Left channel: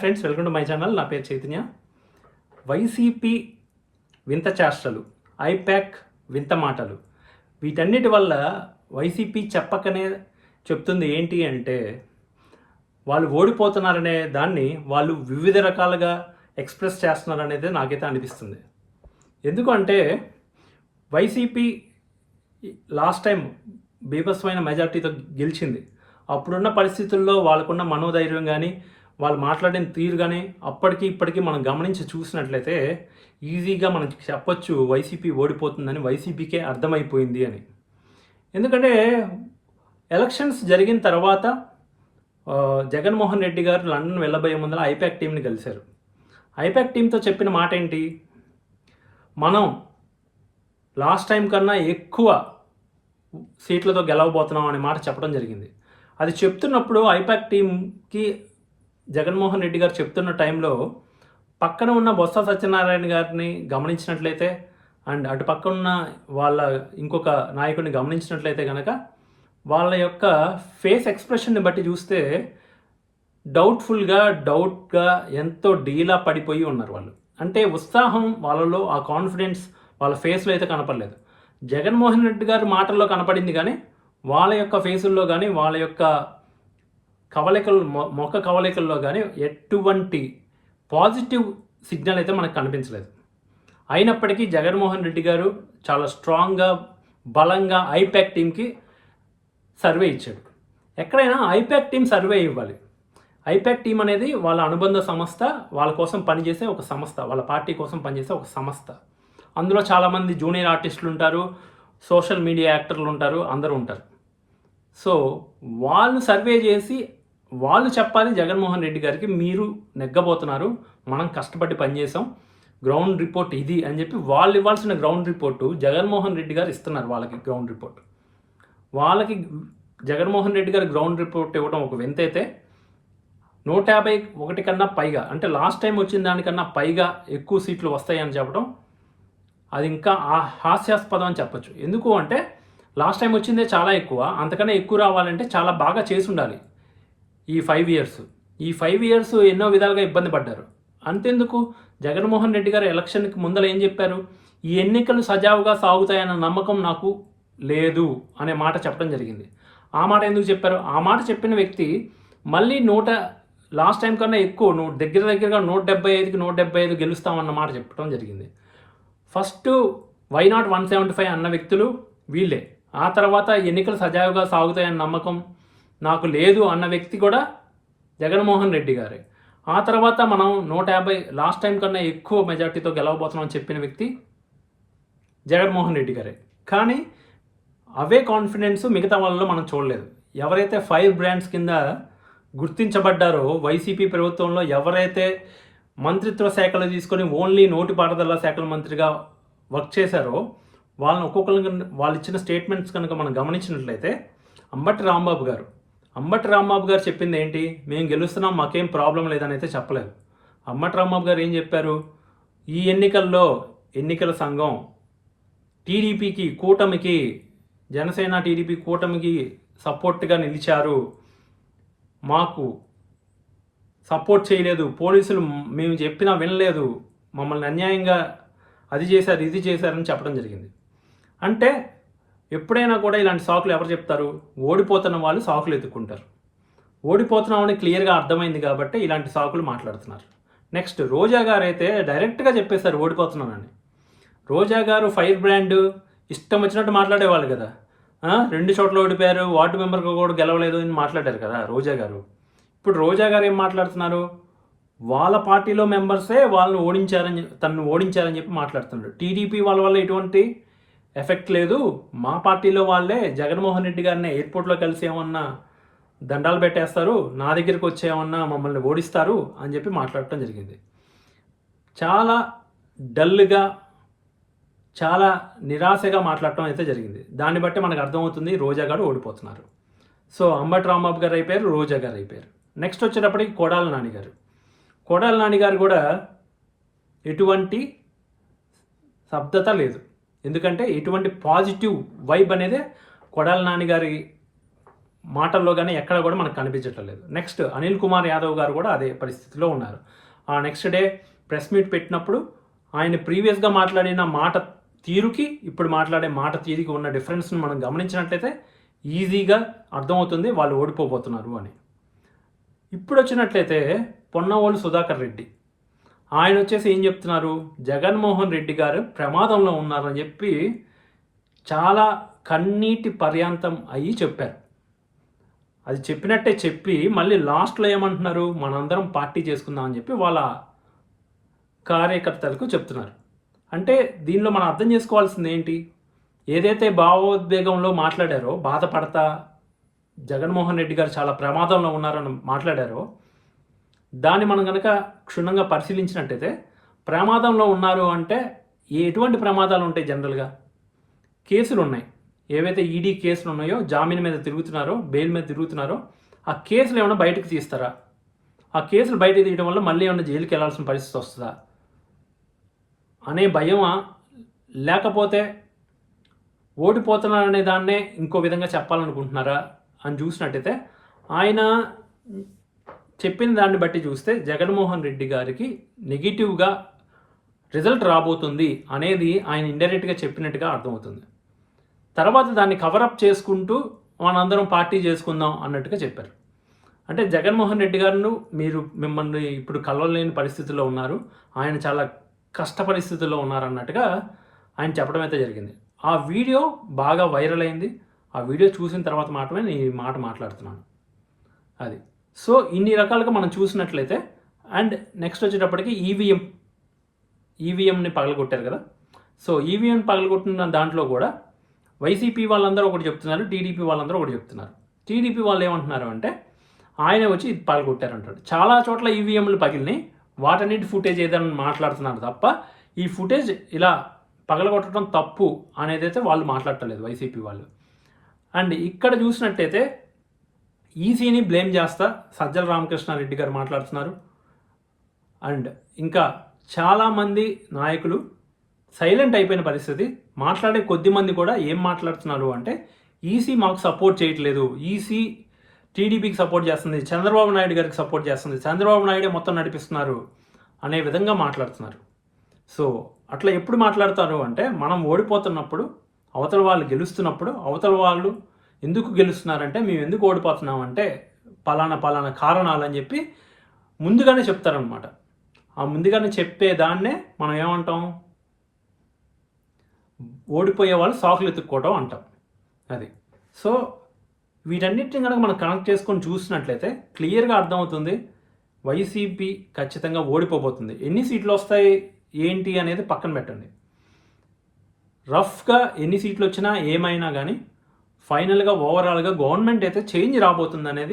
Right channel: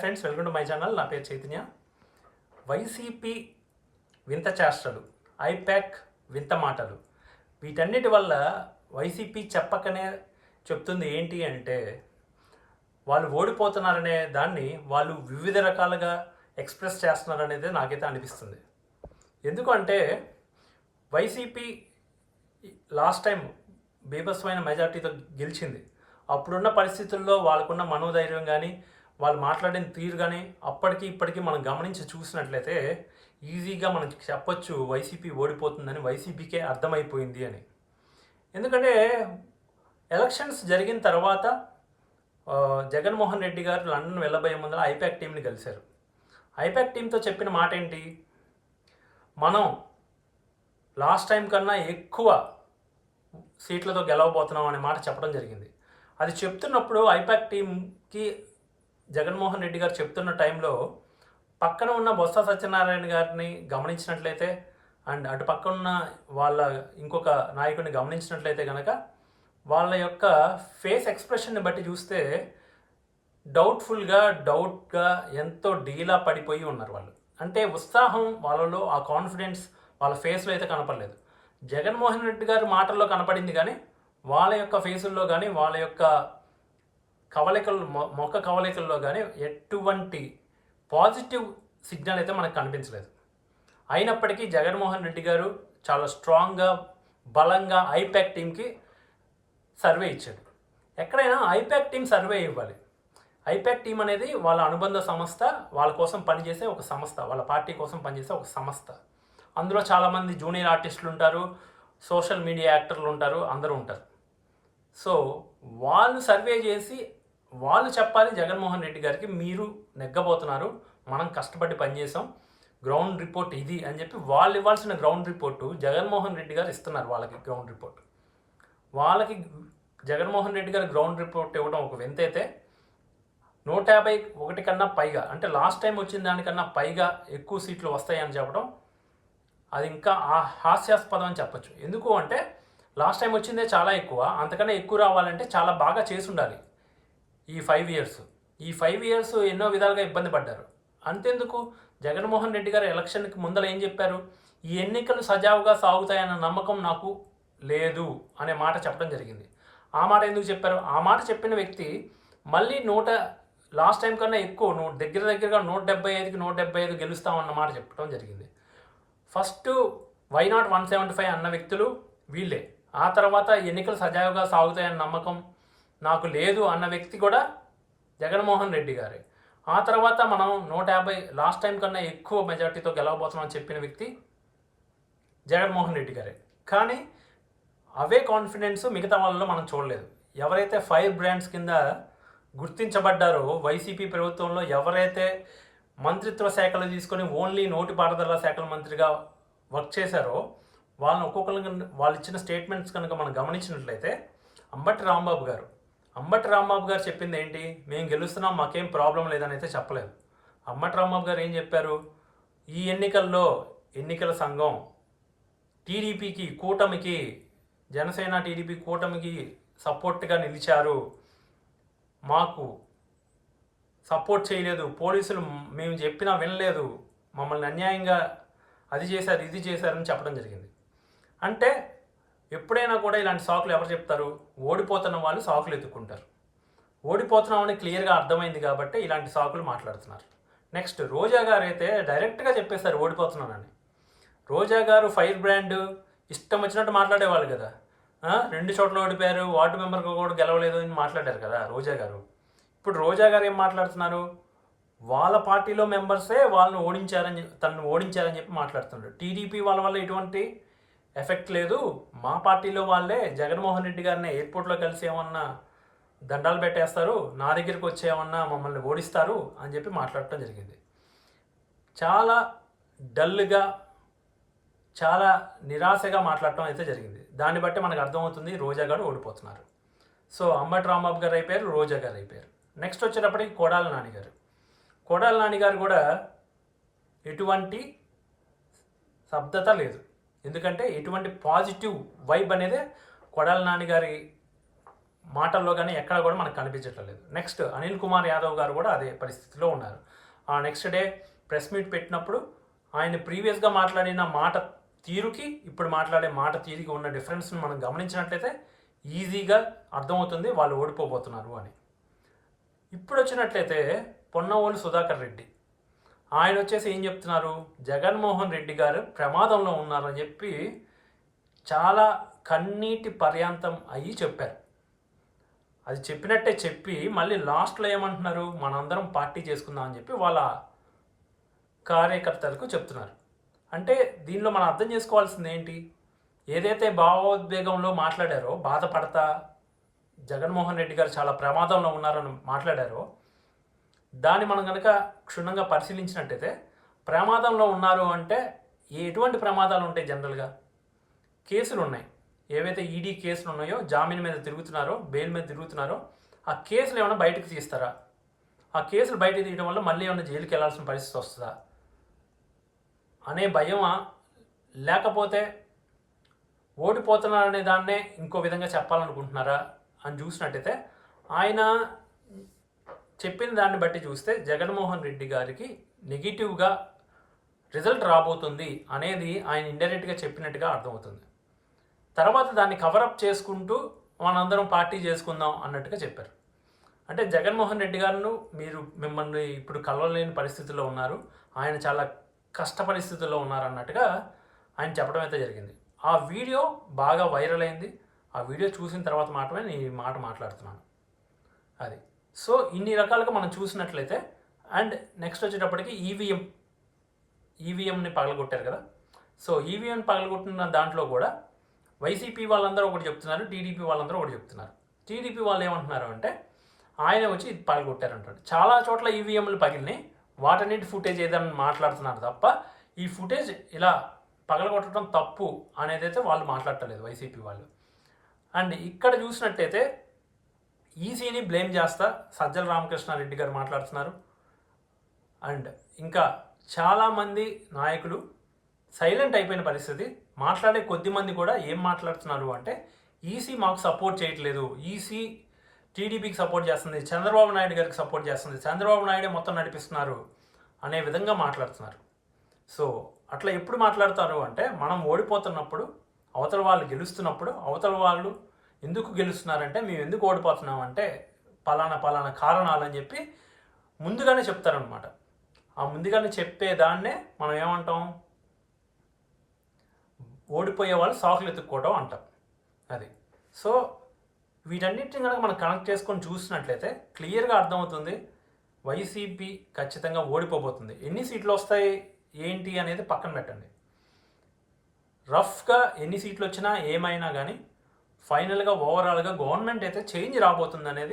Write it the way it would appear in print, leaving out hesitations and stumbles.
Friends, welcome to my channel. నా పేరు Chaitanya. YCP వింత చేష్టలు, ఐప్యాక్ వింత మాటలు, వీటన్నిటి వల్ల వైసీపీ చెప్పకనే చెప్తుంది ఏంటి అంటే వాళ్ళు ఓడిపోతున్నారనే దాన్ని వాళ్ళు వివిధ రకాలుగా ఎక్స్ప్రెస్ చేస్తున్నారనేది నాకైతే అనిపిస్తుంది. ఎందుకంటే వైసీపీ లాస్ట్ టైం బీభత్సమైన మెజార్టీతో గెలిచింది. అప్పుడున్న పరిస్థితుల్లో వాళ్ళకున్న మనోధైర్యం కానీ వాళ్ళు మాట్లాడిన తీరు కానీ అప్పటికి ఇప్పటికీ మనం గమనించి చూసినట్లయితే ఈజీగా మనం చెప్పొచ్చు వైసీపీ ఓడిపోతుందని. వైసీపీకే అర్థమైపోయింది అని. ఎందుకంటే ఎలక్షన్స్ జరిగిన తర్వాత జగన్మోహన్ రెడ్డి గారు లండన్ వెళ్ళబోయే ముందర ఐప్యాక్ టీంని కలిశారు. ఐప్యాక్ టీంతో చెప్పిన మాట ఏంటి? మనం లాస్ట్ టైం కన్నా ఎక్కువ సీట్లతో గెలవబోతున్నాం అనే మాట చెప్పడం జరిగింది. అది చెప్తున్నప్పుడు ఐప్యాక్ టీంకి జగన్మోహన్ రెడ్డి గారు చెప్తున్న టైంలో పక్కన ఉన్న బొత్స సత్యనారాయణ గారిని గమనించినట్లయితే అండ్ అటు పక్కన ఉన్న వాళ్ళ ఇంకొక నాయకుడిని గమనించినట్లయితే కనుక వాళ్ళ యొక్క ఫేస్ ఎక్స్ప్రెషన్ని బట్టి చూస్తే డౌట్గా ఎంతో డీలా పడిపోయి ఉన్నారు వాళ్ళు. అంటే ఉత్సాహం వాళ్ళలో, ఆ కాన్ఫిడెన్స్ వాళ్ళ ఫేస్లో అయితే కనపడలేదు. జగన్మోహన్ రెడ్డి గారి మాటల్లో కనపడింది కానీ వాళ్ళ యొక్క ఫేసుల్లో కానీ వాళ్ళ యొక్క మొక్క కవలికల్లో కానీ ఎటువంటి పాజిటివ్ సిగ్నల్ అయితే మనకు కనిపించలేదు. అయినప్పటికీ జగన్మోహన్ రెడ్డి గారు చాలా స్ట్రాంగ్గా, బలంగా ఐప్యాక్ టీంకి సర్వే ఇచ్చాడు. ఎక్కడైనా ఐప్యాక్ టీం సర్వే ఇవ్వాలి. ఐప్యాక్ టీం అనేది వాళ్ళ అనుబంధ సంస్థ, వాళ్ళ కోసం పనిచేసే ఒక సంస్థ, వాళ్ళ పార్టీ కోసం పనిచేసే ఒక సంస్థ. అందులో చాలామంది జూనియర్ ఆర్టిస్టులు ఉంటారు, సోషల్ మీడియా యాక్టర్లు ఉంటారు, అందరూ ఉంటారు. సో వాళ్ళు సర్వే చేసి వాళ్ళు చెప్పాలి జగన్మోహన్ రెడ్డి గారికి, మీరు నెగ్గబోతున్నారు, మనం కష్టపడి పనిచేసాం, గ్రౌండ్ రిపోర్ట్ ఇది అని చెప్పి వాళ్ళు ఇవ్వాల్సిన గ్రౌండ్ రిపోర్టు జగన్మోహన్ రెడ్డి గారు ఇస్తున్నారు. వాళ్ళకి గ్రౌండ్ రిపోర్ట్, వాళ్ళకి జగన్మోహన్ రెడ్డి గారు గ్రౌండ్ రిపోర్ట్ ఇవ్వడం ఒక వింత అయితే 151 కన్నా పైగా, అంటే లాస్ట్ టైం వచ్చిన దానికన్నా పైగా ఎక్కువ సీట్లు వస్తాయని చెప్పడం అది ఇంకా హాస్యాస్పదం అని చెప్పచ్చు. ఎందుకు అంటే లాస్ట్ టైం వచ్చిందే చాలా ఎక్కువ, అంతకన్నా ఎక్కువ రావాలంటే చాలా బాగా చేసి ఉండాలి. ఈ 5 ఇయర్స్ ఎన్నో విధాలుగా ఇబ్బంది పడ్డారు. అంతెందుకు, జగన్మోహన్ రెడ్డి గారు ఎలక్షన్కి ముందర ఏం చెప్పారు? ఈ ఎన్నికలు సజావుగా సాగుతాయన్న నమ్మకం నాకు లేదు అనే మాట చెప్పడం జరిగింది. ఆ మాట ఎందుకు చెప్పారు? ఆ మాట చెప్పిన వ్యక్తి మళ్ళీ లాస్ట్ టైం కన్నా ఎక్కువ దగ్గరగా 175 గెలుస్తామన్న మాట చెప్పడం జరిగింది. ఫస్ట్ వై నాట్ 175 అన్న వ్యక్తులు వీళ్ళే. ఆ తర్వాత ఎన్నికలు సజావుగా సాగుతాయన్న నమ్మకం నాకు లేదు అన్న వ్యక్తి కూడా జగన్మోహన్ రెడ్డి గారే. ఆ తర్వాత మనం 150 లాస్ట్ టైం కన్నా ఎక్కువ మెజార్టీతో గెలవబోతున్నాం అని చెప్పిన వ్యక్తి జగన్మోహన్ రెడ్డి గారే. కానీ అవే కాన్ఫిడెన్స్ మిగతా వాళ్ళలో మనం చూడలేదు. ఎవరైతే ఫైర్ బ్రాండ్స్ కింద గుర్తించబడ్డారో వైసీపీ ప్రభుత్వంలో, ఎవరైతే మంత్రిత్వ శాఖలు తీసుకొని ఓన్లీ నోటిపారుదల శాఖల మంత్రిగా వర్క్ చేశారో వాళ్ళని ఒక్కొక్కరు వాళ్ళు ఇచ్చిన స్టేట్మెంట్స్ కనుక మనం గమనించినట్లయితే అంబటి రాంబాబు గారు చెప్పింది ఏంటి? మేము గెలుస్తున్నాం, మాకేం ప్రాబ్లం లేదని అయితే చెప్పలేదు. అంబటి రాంబాబు గారు ఏం చెప్పారు? ఈ ఎన్నికల సంఘం టీడీపీకి, కూటమికి, జనసేన టీడీపీ కూటమికి సపోర్ట్గా నిలిచారు, మాకు సపోర్ట్ చేయలేదు, పోలీసులు మేము చెప్పినా వినలేదు, మమ్మల్ని అన్యాయంగా అది చేశారు, ఇది చేశారని చెప్పడం జరిగింది. అంటే ఎప్పుడైనా కూడా ఇలాంటి సాకులు ఎవరు చెప్తారు? ఓడిపోతున్న వాళ్ళు సాకులు ఎత్తుక్కుంటారు. ఓడిపోతున్నామని క్లియర్గా అర్థమైంది కాబట్టి ఇలాంటి సాకులు మాట్లాడుతున్నారు. నెక్స్ట్ రోజా గారు అయితే డైరెక్ట్గా చెప్పేశారు ఓడిపోతున్నానని. రోజా గారు ఫైర్ బ్రాండ్, ఇష్టం వచ్చినట్టు మాట్లాడేవాళ్ళు కదా. 2 చోట్ల ఓడిపోయారు, వార్డు మెంబర్గా కూడా గెలవలేదు అని మాట్లాడారు కదా రోజా గారు. ఇప్పుడు రోజా గారు ఏం మాట్లాడుతున్నారు? వాళ్ళ పార్టీలో మెంబర్సే తనను ఓడించారని చెప్పి మాట్లాడుతున్నారు. టీడీపీ వాళ్ళ వల్ల ఎటువంటి ఎఫెక్ట్ లేదు, మా పార్టీలో వాళ్ళే జగన్మోహన్ రెడ్డి గారిని ఎయిర్పోర్ట్లో కలిసి ఏమన్నా దండాలు పెట్టేస్తారు, నా దగ్గరికి వచ్చి ఏమన్నా మమ్మల్ని ఓడిస్తారు అని చెప్పి మాట్లాడటం జరిగింది. చాలా డల్గా, చాలా నిరాశగా మాట్లాడటం అయితే జరిగింది. దాన్ని బట్టి మనకు అర్థమవుతుంది రోజా గారు ఓడిపోతున్నారు. సో అంబటి రాంబాబు గారు అయిపోయారు, రోజా గారు అయిపోయారు. నెక్స్ట్ వచ్చేటప్పటికి కొడాలి నాని గారు కూడా ఎటువంటి శబ్దత లేదు. ఎందుకంటే ఎటువంటి పాజిటివ్ వైబ్ అనేది కొడాలి నాని గారి మాటల్లో కానీ ఎక్కడ కూడా మనకు కనిపించట్లేదు. నెక్స్ట్ అనిల్ కుమార్ యాదవ్ గారు కూడా అదే పరిస్థితిలో ఉన్నారు. ఆ నెక్స్ట్ డే ప్రెస్ మీట్ పెట్టినప్పుడు ఆయన ప్రీవియస్గా మాట్లాడిన మాట తీరుకి ఇప్పుడు మాట్లాడే మాట తీరుకి ఉన్న డిఫరెన్స్ని మనం గమనించినట్లయితే ఈజీగా అర్థమవుతుంది వాళ్ళు ఓడిపోబోతున్నారు అని. ఇప్పుడు వచ్చినట్లయితే పొన్నవోలు సుధాకర్ రెడ్డి ఆయన వచ్చేసి ఏం చెప్తున్నారు, జగన్మోహన్ రెడ్డి గారు ప్రమాదంలో ఉన్నారని చెప్పి చాలా కన్నీటి పర్యాంతం అయ్యి చెప్పారు. అది చెప్పినట్టే చెప్పి మళ్ళీ లాస్ట్లో ఏమంటున్నారు, మనందరం పార్టీ చేసుకుందాం అని చెప్పి వాళ్ళ కార్యకర్తలకు చెప్తున్నారు. అంటే దీనిలో మనం అర్థం చేసుకోవాల్సింది ఏంటి, ఏదైతే భావోద్వేగంలో మాట్లాడారో, బాధపడతా జగన్మోహన్ రెడ్డి గారు చాలా ప్రమాదంలో ఉన్నారని మాట్లాడారో, దాన్ని మనం కనుక క్షుణ్ణంగా పరిశీలించినట్టయితే ప్రమాదంలో ఉన్నారు అంటే ఎటువంటి ప్రమాదాలు ఉంటాయి జనరల్గా, కేసులు ఉన్నాయి. ఏవైతే ఈడీ కేసులు ఉన్నాయో, జామీన్ మీద తిరుగుతున్నారో, బెయిల్ మీద తిరుగుతున్నారో, ఆ కేసులు ఏమైనా బయటకు తీస్తారా? ఆ కేసులు బయటకు తీయడం వల్ల మళ్ళీ ఏమైనా జైలుకి వెళ్ళాల్సిన పరిస్థితి వస్తుందా అనే భయమా, లేకపోతే ఓడిపోతున్నారనే దాన్నే ఇంకో విధంగా చెప్పాలనుకుంటున్నారా అని చూసినట్టయితే ఆయన చెప్పిన దాన్ని బట్టి చూస్తే జగన్మోహన్ రెడ్డి గారికి నెగిటివ్గా రిజల్ట్ రాబోతుంది అనేది ఆయన ఇండైరెక్ట్గా చెప్పినట్టుగా అర్థమవుతుంది. తర్వాత దాన్ని కవరప్ చేసుకుంటూ మనందరం పార్టీ చేసుకుందాం అన్నట్టుగా చెప్పారు. అంటే జగన్మోహన్ రెడ్డి గారు మిమ్మల్ని ఇప్పుడు కలవలేని పరిస్థితుల్లో ఉన్నారు, ఆయన చాలా కష్ట పరిస్థితుల్లో ఉన్నారు అన్నట్టుగా ఆయన చెప్పడం అయితే జరిగింది. ఆ వీడియో బాగా వైరల్ అయింది. ఆ వీడియో చూసిన తర్వాత మాత్రమే నేను ఈ మాట మాట్లాడుతున్నాను. అది సో ఇన్ని రకాలుగా మనం చూసినట్లయితే, అండ్ నెక్స్ట్ వచ్చేటప్పటికి ఈవీఎంని పగలగొట్టారు కదా. సో ఈవీఎం పగలగొట్టిన దాంట్లో కూడా వైసీపీ వాళ్ళందరూ ఒకటి చెప్తున్నారు, టీడీపీ వాళ్ళందరూ ఒకటి చెప్తున్నారు. టీడీపీ వాళ్ళు ఏమంటున్నారు అంటే ఆయన వచ్చి ఇది పగలగొట్టారంటాడు. చాలా చోట్ల ఈవీఎంలు పగిలినాయి, వాటన్నిటి ఫుటేజ్ ఏదైనా మాట్లాడుతున్నారు తప్ప ఈ ఫుటేజ్ ఇలా పగలగొట్టడం తప్పు అనేది అయితే వాళ్ళు మాట్లాడటలేదు వైసీపీ వాళ్ళు. అండ్ ఇక్కడ చూసినట్టయితే ఈసీని బ్లేమ్ చేస్తా సజ్జల రామకృష్ణారెడ్డి గారు మాట్లాడుతున్నారు. అండ్ ఇంకా చాలామంది నాయకులు సైలెంట్ అయిపోయిన పరిస్థితి. మాట్లాడే కొద్ది మంది కూడా ఏం మాట్లాడుతున్నారు అంటే ఈసీ మాకు సపోర్ట్ చేయట్లేదు, ఈసీ టీడీపీకి సపోర్ట్ చేస్తుంది, చంద్రబాబు నాయుడు గారికి సపోర్ట్ చేస్తుంది, చంద్రబాబు నాయుడే మొత్తం నడిపిస్తున్నారు అనే విధంగా మాట్లాడుతున్నారు. సో అట్లా ఎప్పుడు మాట్లాడతారు అంటే మనం ఓడిపోతున్నప్పుడు, అవతల వాళ్ళు గెలుస్తున్నప్పుడు, అవతల వాళ్ళు ఎందుకు గెలుస్తున్నారంటే మేము ఎందుకు ఓడిపోతున్నామంటే పలానా కారణాలు అని చెప్పి ముందుగానే చెప్తారనమాట. ఆ ముందుగానే చెప్పేదాన్నే మనం ఏమంటాం, ఓడిపోయే వాళ్ళు సాకులు ఎత్తుక్కోవటం అంటాం. అది సో వీటన్నిటిని కనుక మనం కనెక్ట్ చేసుకొని చూసినట్లయితే క్లియర్గా అర్థమవుతుంది వైసీపీ ఖచ్చితంగా ఓడిపోబోతుంది. ఎన్ని సీట్లు వస్తాయి ఏంటి అనేది పక్కన పెట్టండి. రఫ్గా ఎన్ని సీట్లు వచ్చినా ఏమైనా కానీ ఫైనల్గా ఓవరాల్గా గవర్నమెంట్ అయితే చేంజ్ రాబోతుంది అనేది